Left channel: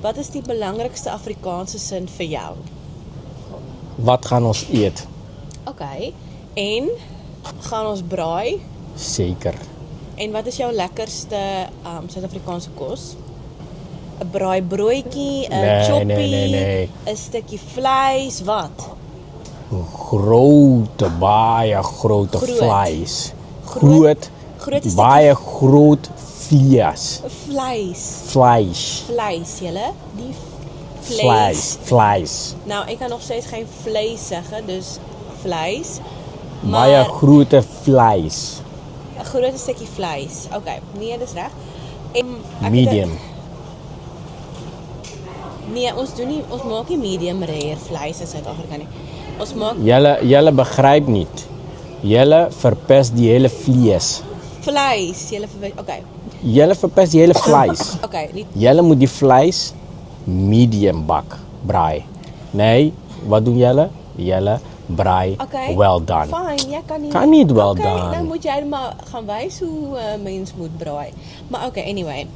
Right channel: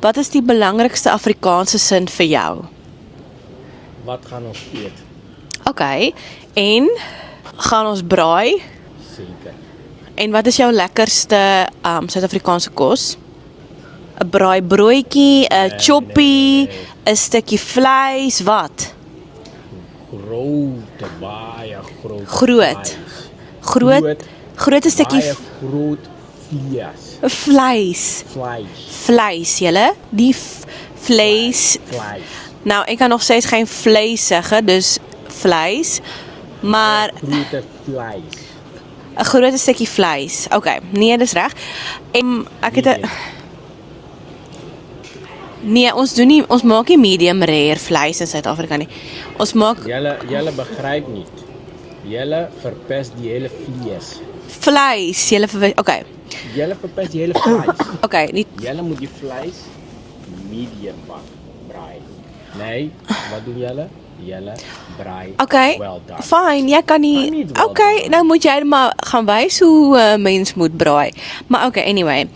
Wat is die belangrikste Afrikaanse sin vir jou? Wat gaan ons eet? OK. En gaan ons braai? Seker. En wat is jou lekkerste Suid-Afrikaanse kos? 'n braaibroodjie, 'n Nee, choppie, 'n nee. stukkie vleis, wat? Baie groot Groot. vleis. Groot 'n stukkie Baie groot vlees. Vleis, julle, nie vleis. Vleis. Nou, ek kan nog steeds geen vleis zeggen, dus vleis. Baie Maar grote vleis. 'n groot stukkie vleis. OK, nee, dis reg. En ek het Medium. Nee, ons maak nie medium rare vleis in Suid-Afrika nie. Ons maak Julle begryp nie. Julle verpes die hele vlees. vleis. OK. Julle verpes die hele vleis. OK, nie Julle moet die vleis medium bak, braai. Nee, wat doen julle? Julle braai OK. well done. Fine, jy kan nie. Kan nie well OK, done. nou moet jy maar gaan wys hoe mens moet braai. Maar OK, anyway.